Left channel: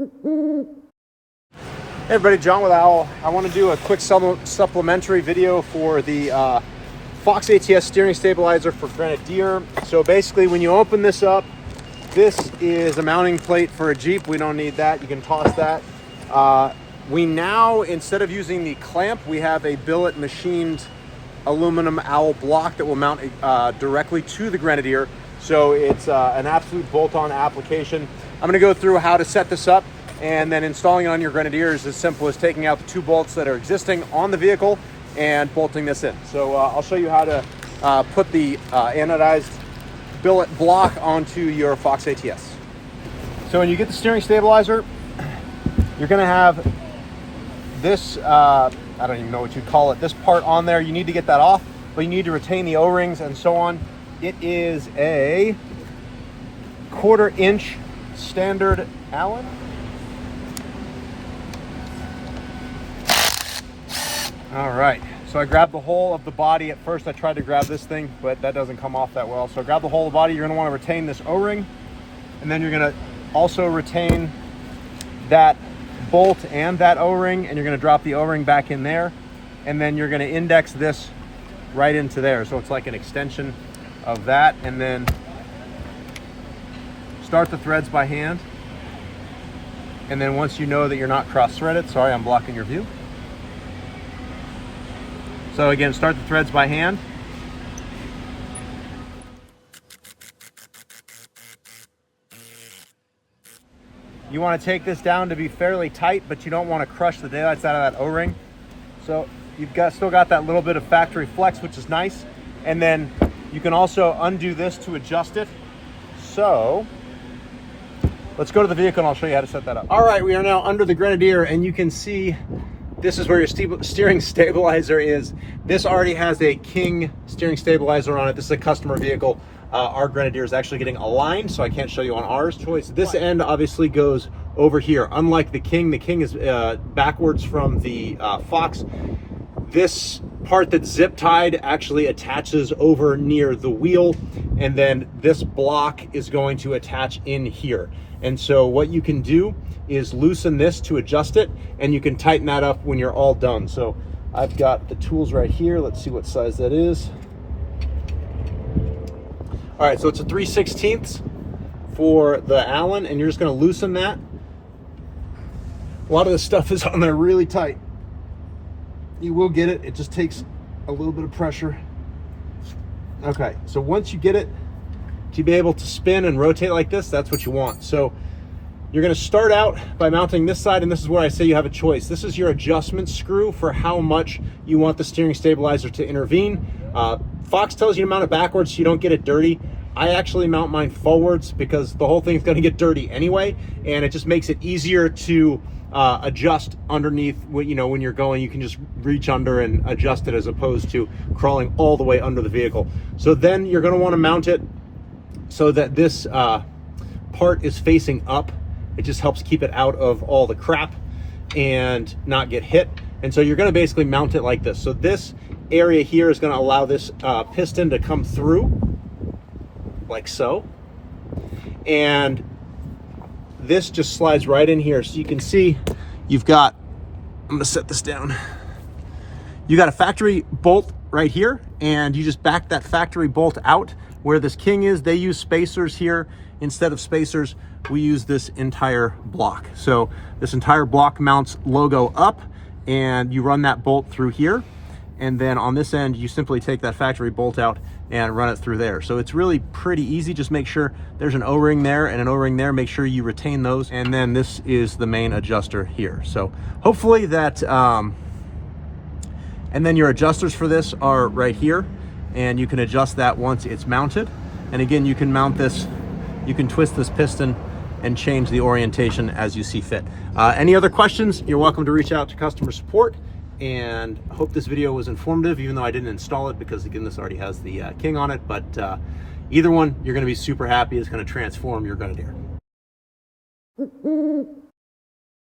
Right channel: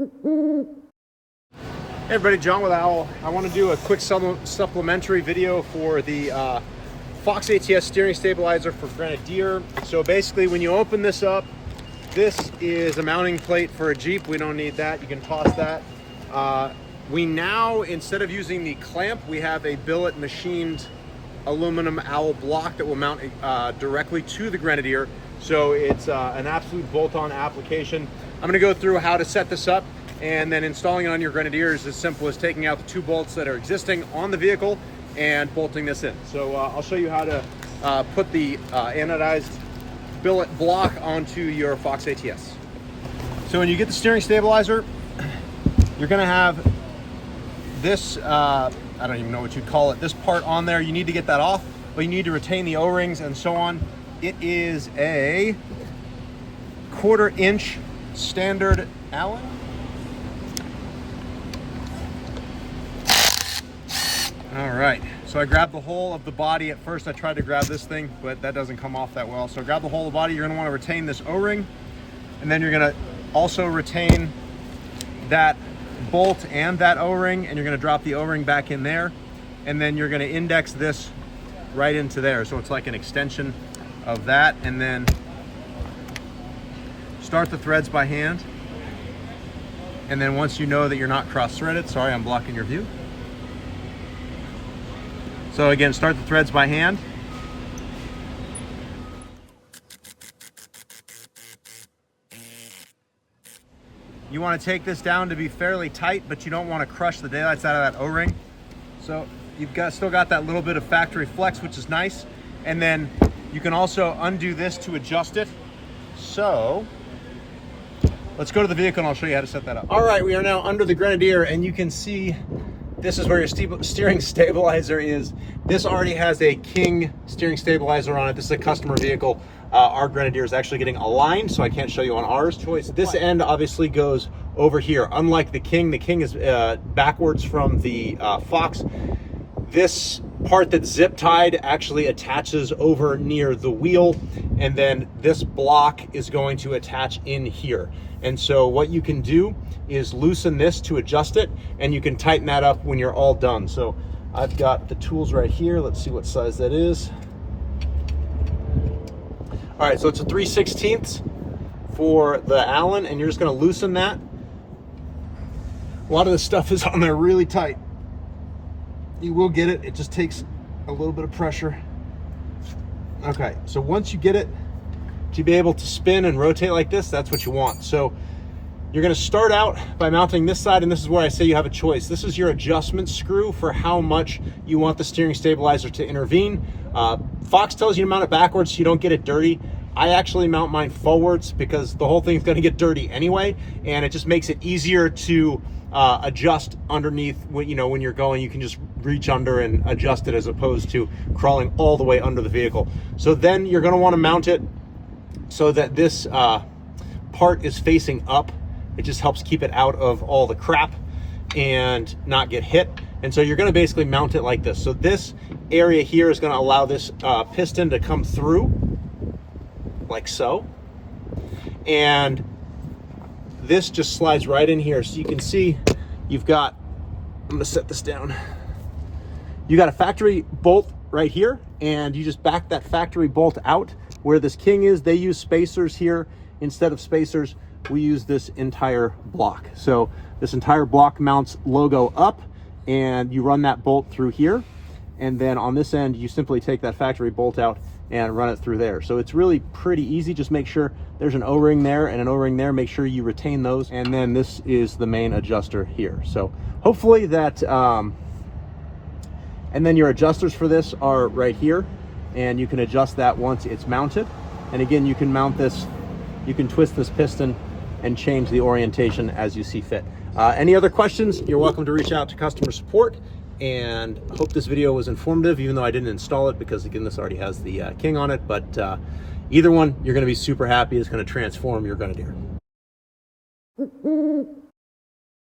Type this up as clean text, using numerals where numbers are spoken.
Hey everybody, John with Owl. I want to do a quick supplementary video for the Fox ATS steering stabilizer for Grenadier. So basically, when you open this up, this is a mounting plate for a Jeep. We don't need that. You can toss that. We now, instead of using the clamp, we have a billet machined aluminum Owl block that will mount directly to the Grenadier. So it's an absolute bolt-on application. I'm going to go through how to set this up, and then installing it on your Grenadier is as simple as taking out the 2 bolts that are existing on the vehicle and bolting this in. So I'll show you how to put the anodized billet block onto your Fox ATS. So when you get the steering stabilizer, you're going to have this, I don't even know what you call it, this part on there. You need to get that off, but you need to retain the O-rings and so on. It is a 1/4 inch standard Allen. All right, so I grabbed the whole of the body. At first I tried to grab this thing, but that doesn't come off that well. So grab the whole of the body. You're gonna wanna retain this O-ring, and then you're gonna also retain that bolt and that O-ring, and you're gonna drop the O-ring back in there, and then you're gonna index this right into there. So it's like an extension of that, and then start the threads by hand. And then once you know that you're not cross-threaded, sorry, I'm blocking your view. So again, start the threads by hand. You want to take this down to be fairly tight, but you don't want to crush the daylights out of that O-ring. So you've still got that little bit of factory flex, which is nice. And then you can also undo this to adjust it. So let's go to the vehicle and I'll show you how to set that up. All right, we are now under the Grenadier, and you can see this is where your steering stabilizer is. This already has a King steering stabilizer on it. This is a customer vehicle. Our Grenadier is actually getting aligned, so I can't show you on ours. This end obviously goes over here. Unlike the King is backwards from the Fox. This part that's zip tied actually attaches over near the wheel, and then this block is going to attach in here. And so what you can do is loosen this to adjust it, and you can tighten that up when you're all done. So I've got the tools right here. Let's see what size that is. All right, so it's a 3/16 for the Allen, and you're just gonna loosen that. A lot of this stuff is on there really tight. You will get it, it just takes a little bit of pressure. Okay, so once you get it to be able to spin and rotate like this, that's what you want. So you're gonna start out by mounting this side, and this is where I say you have a choice. This is your adjustment screw for how much you want the steering stabilizer to intervene. Fox tells you to mount it backwards so you don't get it dirty. I actually mount mine forwards because the whole thing's gonna get dirty anyway, and it just makes it easier to adjust underneath. You know, when you're going, you can just reach under and adjust it as opposed to crawling all the way under the vehicle. So then you're gonna wanna mount it so that this part is facing up. It just helps keep it out of all the crap and not get hit. And so you're gonna basically mount it like this. So this area here is gonna allow this piston to come through, like so. And this just slides right in here. So you can see you've got, I'm gonna set this down. You got a factory bolt right here, and you just back that factory bolt out. Where this King is, they use spacers here. Instead of spacers, we use this entire block. So this entire block mounts logo up, and you run that bolt through here. And then on this end, you simply take that factory bolt out and run it through there. So it's really pretty easy. Just make sure there's an O-ring there and an O-ring there. Make sure you retain those. And then this is the main adjuster here. So hopefully that, and then your adjusters for this are right here. And you can adjust that once it's mounted. And again, you can mount this, you can twist this piston and change the orientation as you see fit. Any other questions, you're welcome to reach out to customer support. And hope this video was informative, even though I didn't install it because again, this already has the King on it. But either one, you're gonna be super happy. It's gonna transform your Grenadier.